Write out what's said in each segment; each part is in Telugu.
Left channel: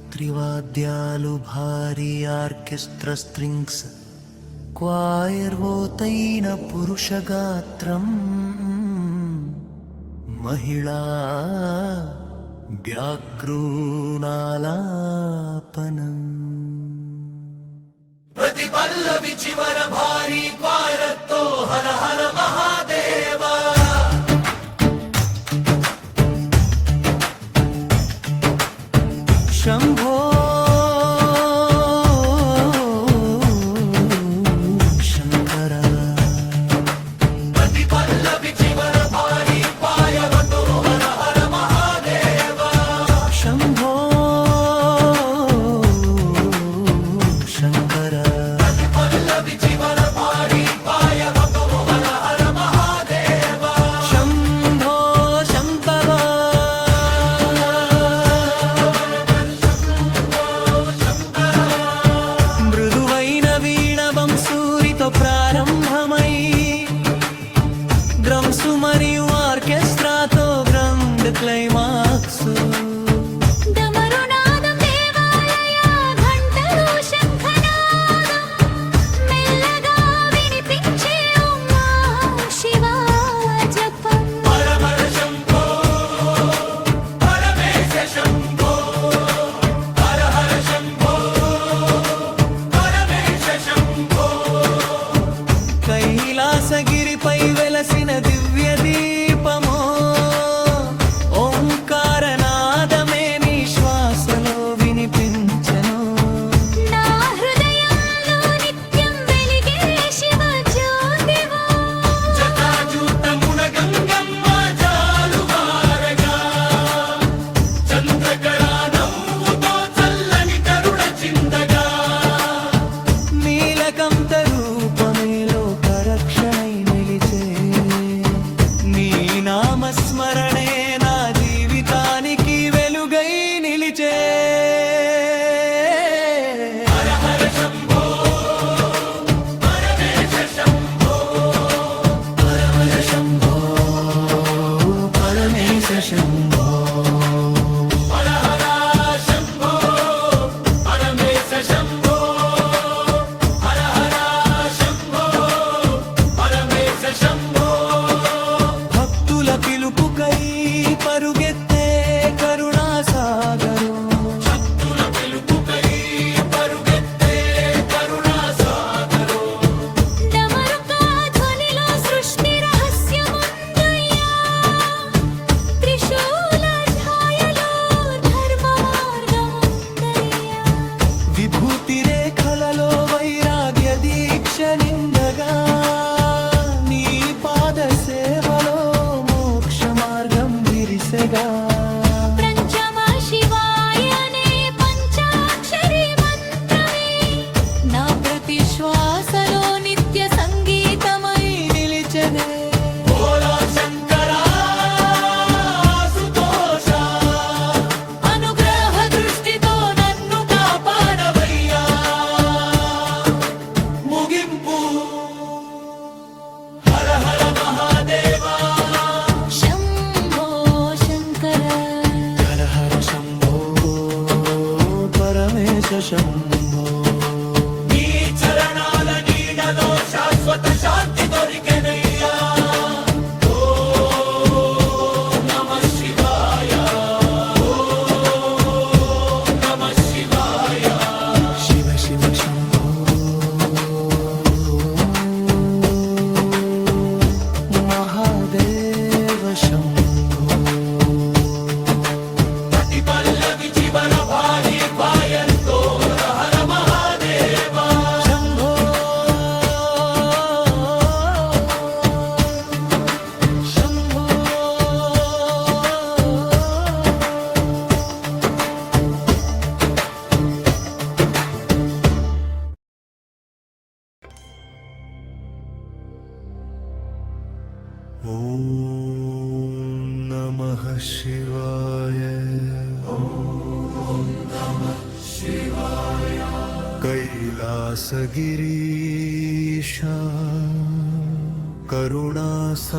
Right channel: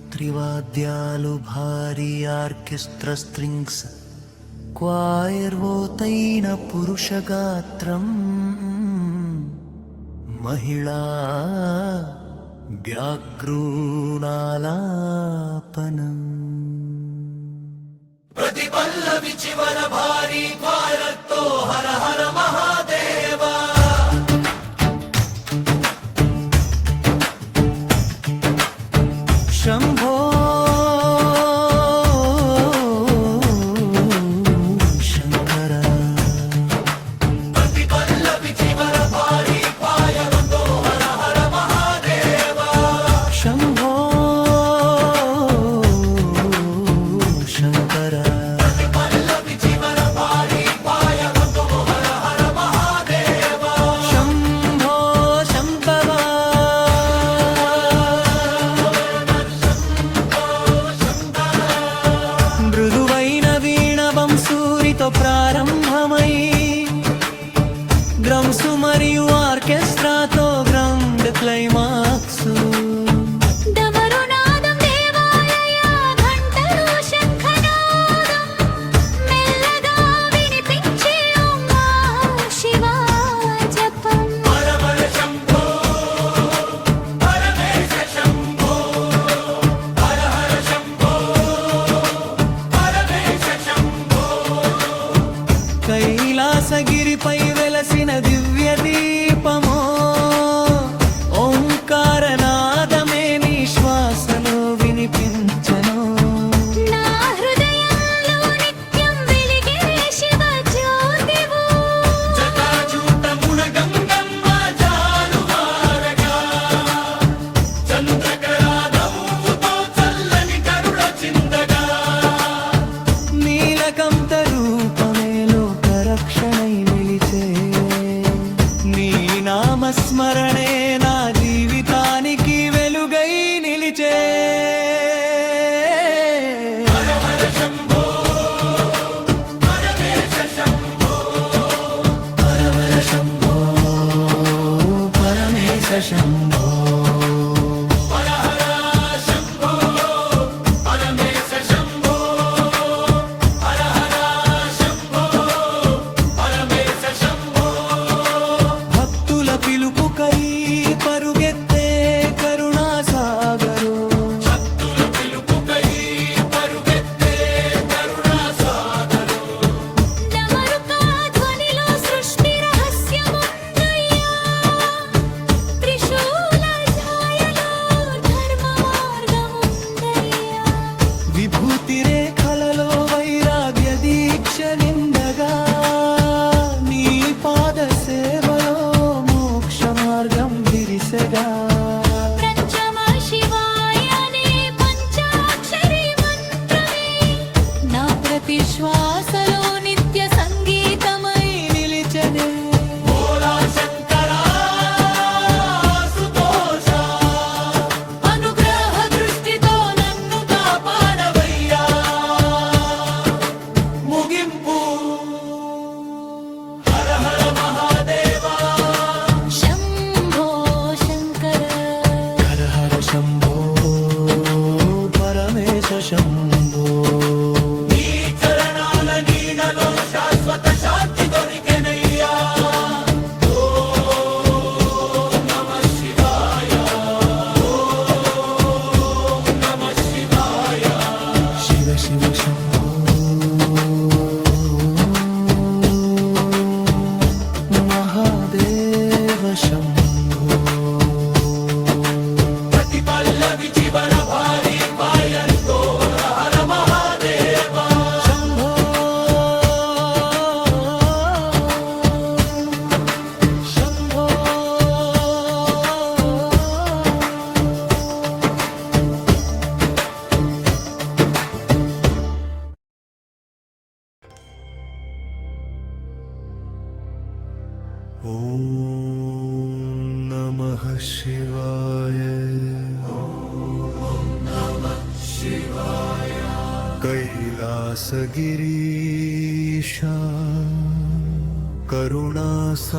రుద్రవీణబంసూరితంత్రివాద్యాలు భారీ ఆర్కెస్ట్రా స్ట్రింగ్స్ క్వాయర్వోతైన పురుషగాత్రం మహిళా వ్యాఘ్రూణాలాపనం ప్రతి పల్లవి చివర భారీ క్వాయర్తో హర హర మహాదేవ శంభో శంకర ప్రతి పల్లవి చివర భారీ క్వాయర్తో హర హర మహాదేవ శంభో శంకర ప్రతి పల్లవి చివర భారీ క్వాయర్తో హర హర మహాదేవ శంభో శంభవ మృదువైన వీణ వంశూరితో ప్రారంభమై డ్రమ్స్ మరియు ఆర్కెస్ట్రాతో గ్రాండ్ క్లైమాక్స్ డమరునాదం దేవాలయ ఘంటలు శంఖనాదం మెల్లగా వినిపించే ఉమా శివ జపం పరమర శంభో పరమేశ శంభో హర హర శంభో పరమేశ శంభో కైలాసగిరిపై వెలసిన దివ్య దీపమో ఓంకారనాదమే నీ శ్వాసలో వినిపించెను నా హృదయంలో నిత్యం వెలిగే శివ జ్యోతివో జటాజూటమున గంగమ్మ జాలువారగా చంద్రకళా నవ్వుతో చల్లని కరుణ చిందగా నీలకంఠ రూపమే లోకరక్షణై నిలిచే నీ నామస్మరణే నా జీవితానికి వెలుగై నిలిచే హర హర శంభో పరమేశ శంభో పరమర శంభో పరమేశ శంభో హర హర శంభో పరమేశ శంభో హర హర శంభో పరమేశ శంభో భక్తుల పిలుపుకై పరుగెత్తే కరుణాసాగరు భక్తుల పిలుపుకై పరుగెత్తే కరుణాసాగరు డమరుక ధ్వనిలో సృష్టి రహస్యముందయ్యా త్రిశూల ఛాయలో ధర్మ మార్గముందయ్యా విభూతి రేఖలలో వైరాగ్య దీక్ష నిండగా నీ పాద సేవలో మోక్ష మార్గం విరిసెగా పంచమ శివాయనే పంచాక్షరి మంత్రమే నా ప్రతి శ్వాసలో నిత్య సంగీతమై నిలిచెనే భోలా శంకరా సుతోష అనుగ్రహ దృష్టితో నన్ను కాపాడవయ్యా ముగింపు హర హర మహాదేవా శంభో శంకర హర హర శంభో పరమేశ శంభో నీ చరణాల నీడలో శాశ్వత శాంతి దొరికెనయ్యా ఓ నమః శివాయ ఓ నమః శివాయ శివ శివ శంభో మహాదేవ శంభో ప్రతి పల్లవి చివర భారీ క్వాయర్తో హర హర మహాదేవ శంభో శంభో ఓం నమః శివాయ कैलासगिरीश करुणासागरा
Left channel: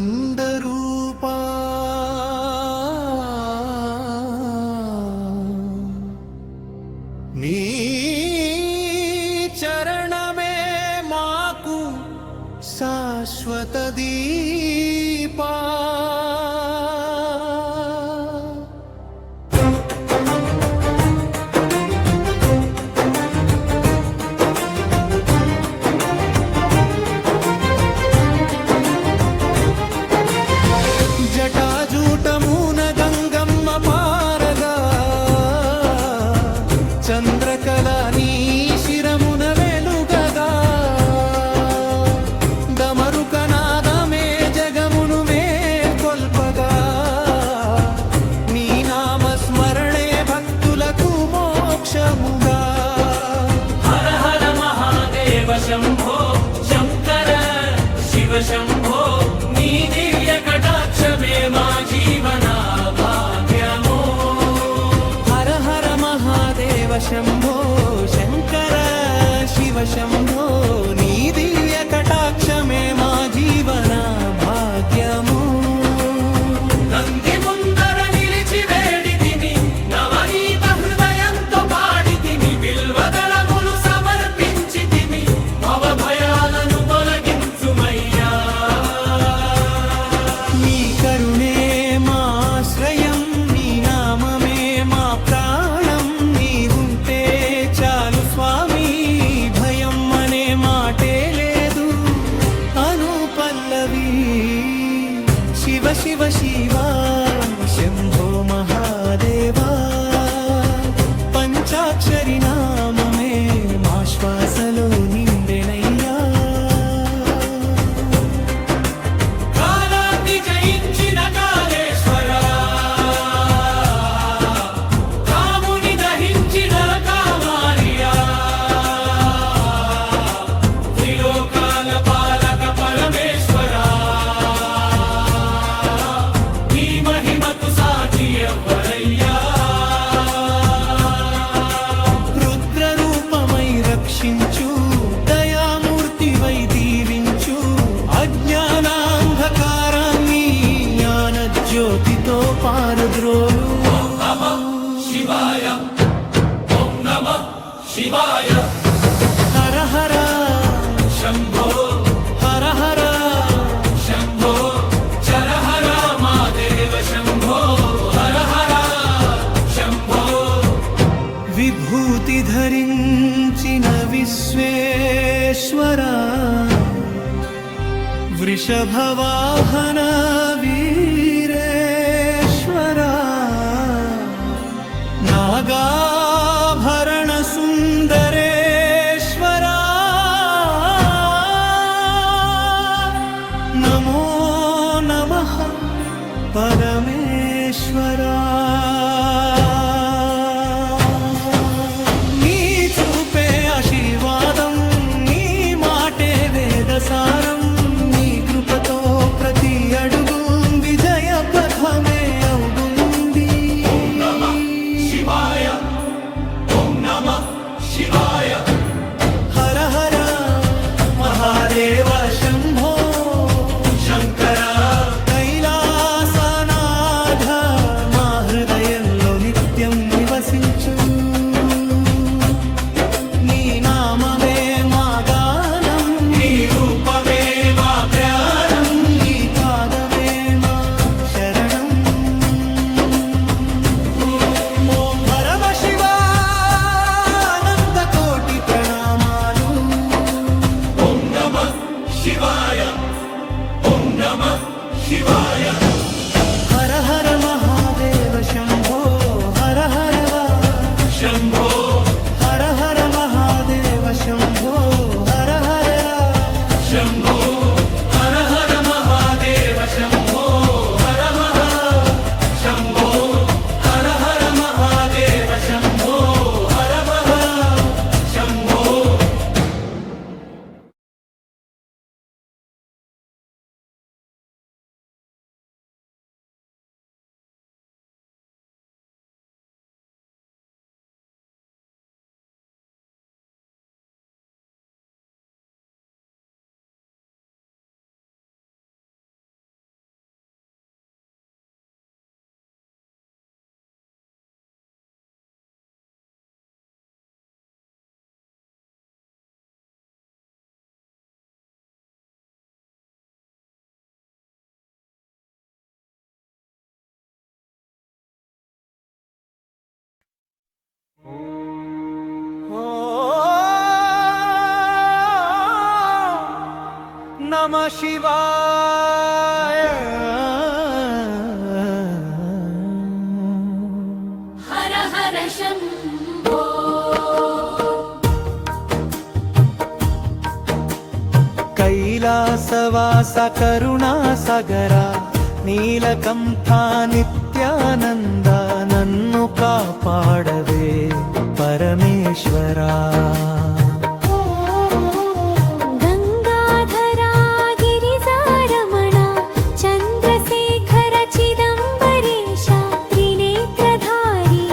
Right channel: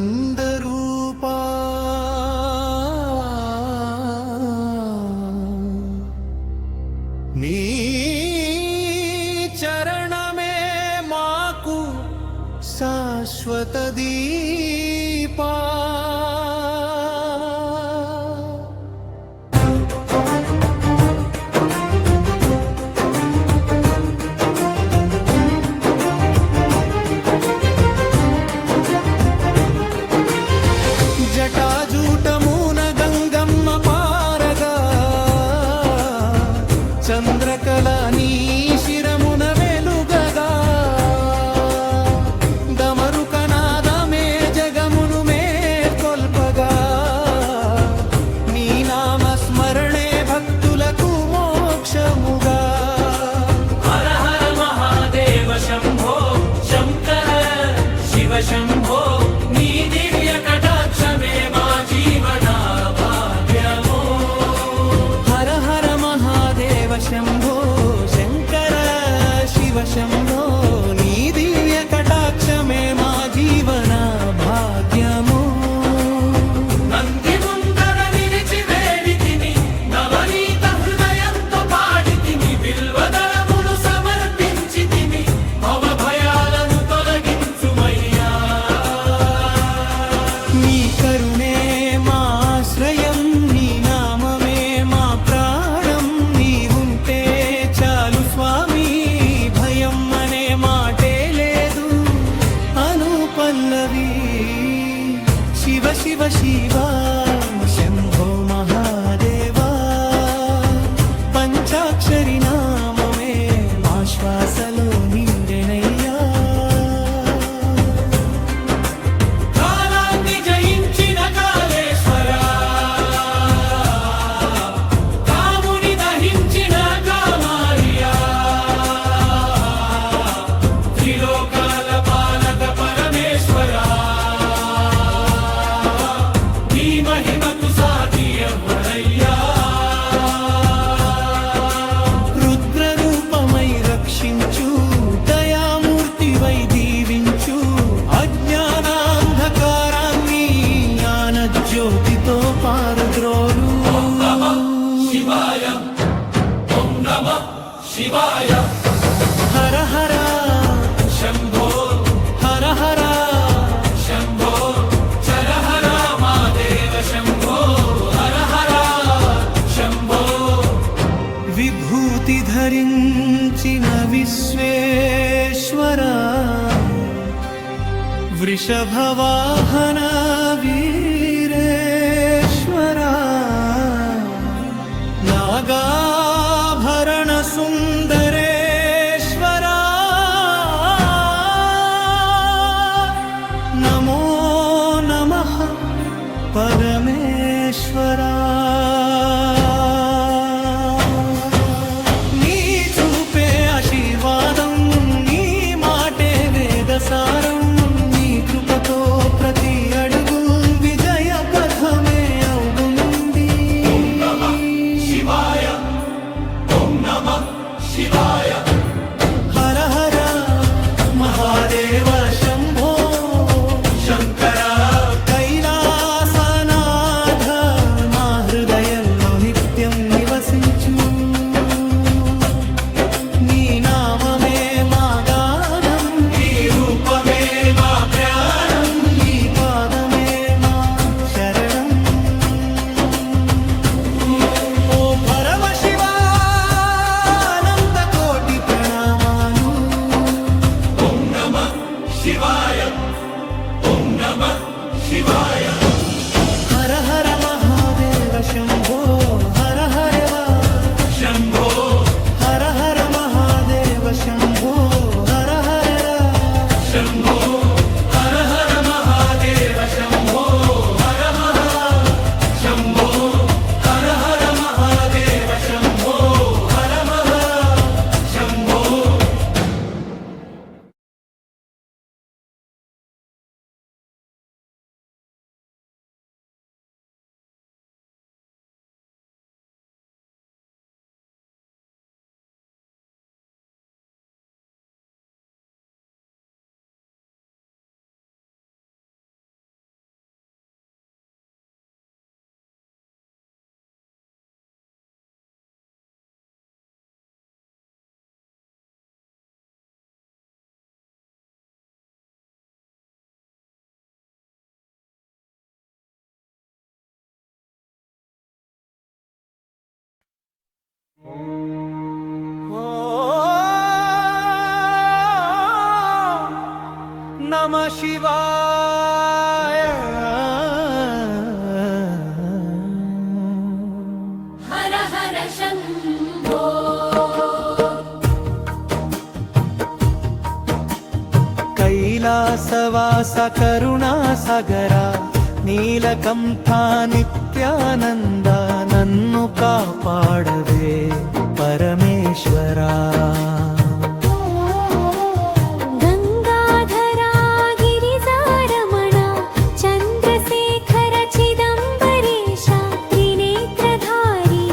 नित्यानन्दरूपा నీ చరణమే మాకు శాశ్వత దీపా జటాజూటమున గంగమ్మ పారగా చంద్రకళ నీ శిరమున వెలుగగా దమరుకనాదమే జగమును మేల్కొల్పగా నీ నామస్మరణే భక్తులకు మోక్షముగా హర హర మహాదేవ శంభో శంకర శివ శంభో నీ దివ్య కటాక్షమే మా జీవన భాగ్యమో హర హర మహాదేవ శంభో శంకర శివ శంభో నీ దివ్య కటాక్షమే మా జీవన భాగ్యము నంది ముందర నిలిచి వేడితిని నవనీత హృదయంతో పాడితిని బిల్వదళములు సమర్పించితిని భవ భయాలను తొలగించుమయ్యా నీ కరుణే మా ఆశ్రయం నీ నామమే మా ప్రాణం నీవుంటే చాలు స్వామి భయం అనే మాటే లేదు అను పల్లవి శివ శివ శివ శంభో మహాదేవా పంచాక్షరి నామమే మా శ్వాసలో నిండెనయ్యా కాలాన్ని జయించిన కాళేశ్వరా కాముని దహించిన కామారియా త్రిలోకాల పాలక పరమేశ్వరా నీ మహిమకు సాటి ఎవ్వరయ్యా రుద్ర రూపమై రక్షించు దయామూర్తివై దీవించు అజ్ఞానాంధకారాన్ని జ్ఞాన జ్యోతితో పారద్రోలు శివాయ ఓం నమః శివాయ హర హర శంభో హర హర శంభో చర హర మాదేవ శంభో హర హర శంభో విభూతి ధరించిన విశ్వేశ్వర వృషభవాహన వీరేశ్వర నాగాభరణ సుందరేశ్వర నమో నమః పరమేశ్వరా నీ చూపే ఆశీర్వాదం నీ మాటే వేదసారం నీ కృపతో ప్రతి అడుగు విజయ పథమే అవుతుంది శివాయ ఓం నమః శివాయ హర హర మహాదేవ శంభో శంకర కైలాసనాథ మా హృదయంలో నిత్యం నివసించు నీ నామమే మా గానం నీ రూపమే మా ప్రాణం నీ పాదమే మా శరణం ఓ పరమ శివానంత కోటి ప్రణామాలు ఓం నమః శివాయ ఓం నమః శివాయ హర హర మహాదేవ శంభో హర హర శంభో హర హర మహాదేవ శంభో హర హర శంభో హర హర మహాదేవ శంభో హర మహా శంభో హర హర మహాదేవ శంభో హర మహా శంభో నమ శివాయ. హర హర శంభో కైలాసవాస కరుణా సగరా నీలకంఠా నిత్యానంద నన్ను కాపాడవే పరమేశ్వరా. గంగాధరా గిరిజారమణ చంద్రశేఖర చిదంబరేశ త్రినేత్రధారి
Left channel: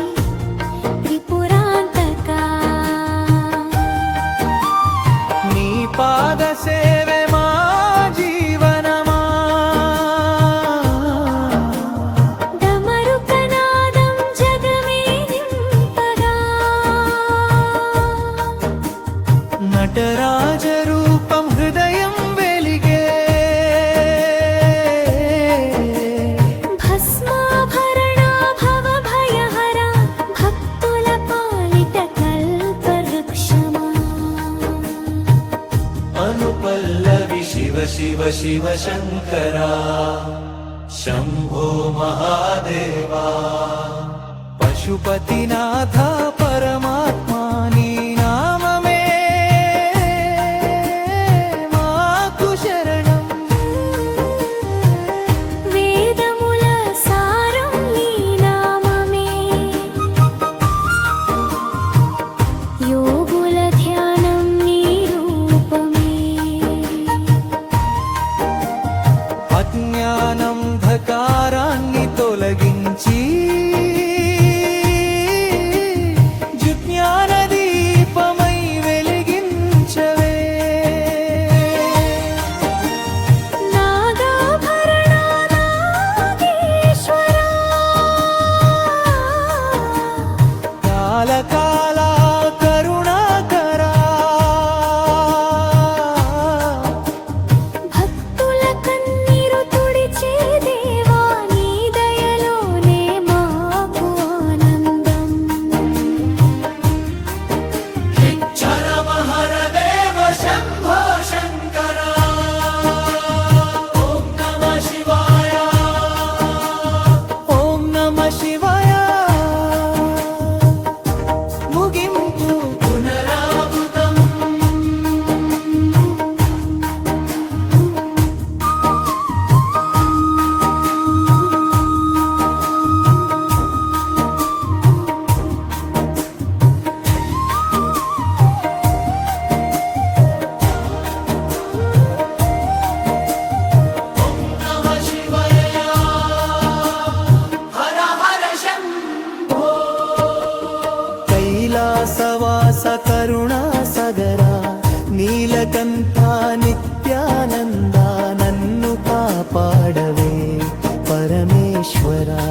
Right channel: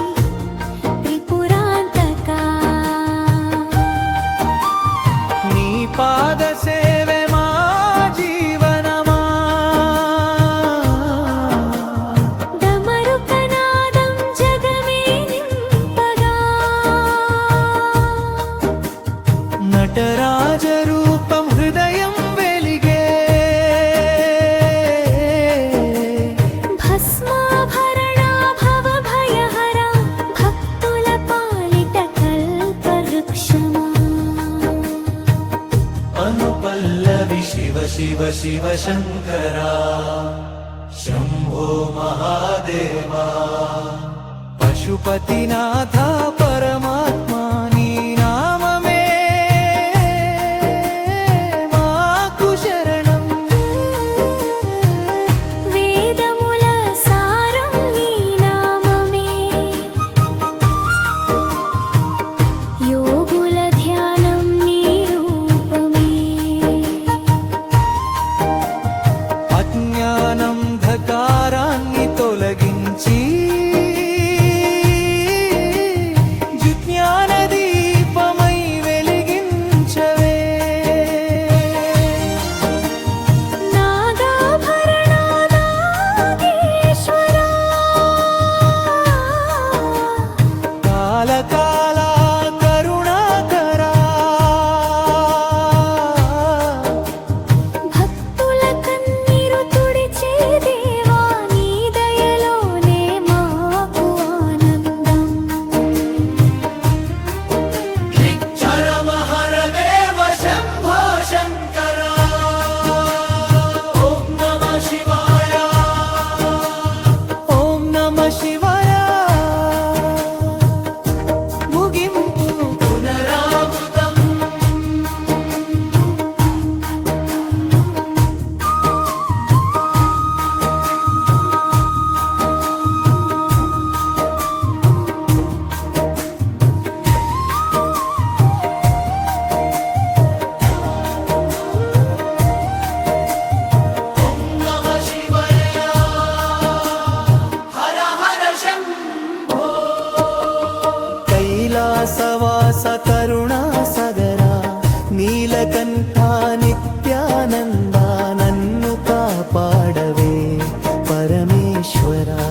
త్రిపురాంతకా నీ పాద సేవే మా జీవనమా. డమరుకనాదం జగమే నింపగా నటరాజ రూపం హృదయం వెలిగే. భస్మాభరణ భవభయహర భక్తుల పాలిట కల్పవృక్షమా. అనుపల్లవి శివ శివ శివ శంకరా శంభో మహాదేవా. పశుపతినాథ పరమాత్మా నీ నామమే మాకు శరణం. వేదముల సారం నీ నామమే యోగుల ధ్యానం నీ రూపమే. అజ్ఞానం ధకారాన్ని తొలగించి జ్ఞాన దీపమై వెలిగించవే. నాగాభరణ నాగేశ్వరా కాలకాల కరుణాకరా. భక్తుల కన్నీరు తుడిచే దేవా నీ దయలోనే మాకు ఆనందం. చరమహరదేవ శంభో శంకర. ఓం నమ శివాయ. ఓం నమ శివాయ. ముగింపు పునరావృతం. ఓం నమ శివాయ. హర హర శంభో. కైలాసవాస కరుణా సగరా నీలకంఠా నిత్యానంద నన్ను కాపాడవే పరమేశ్వరా.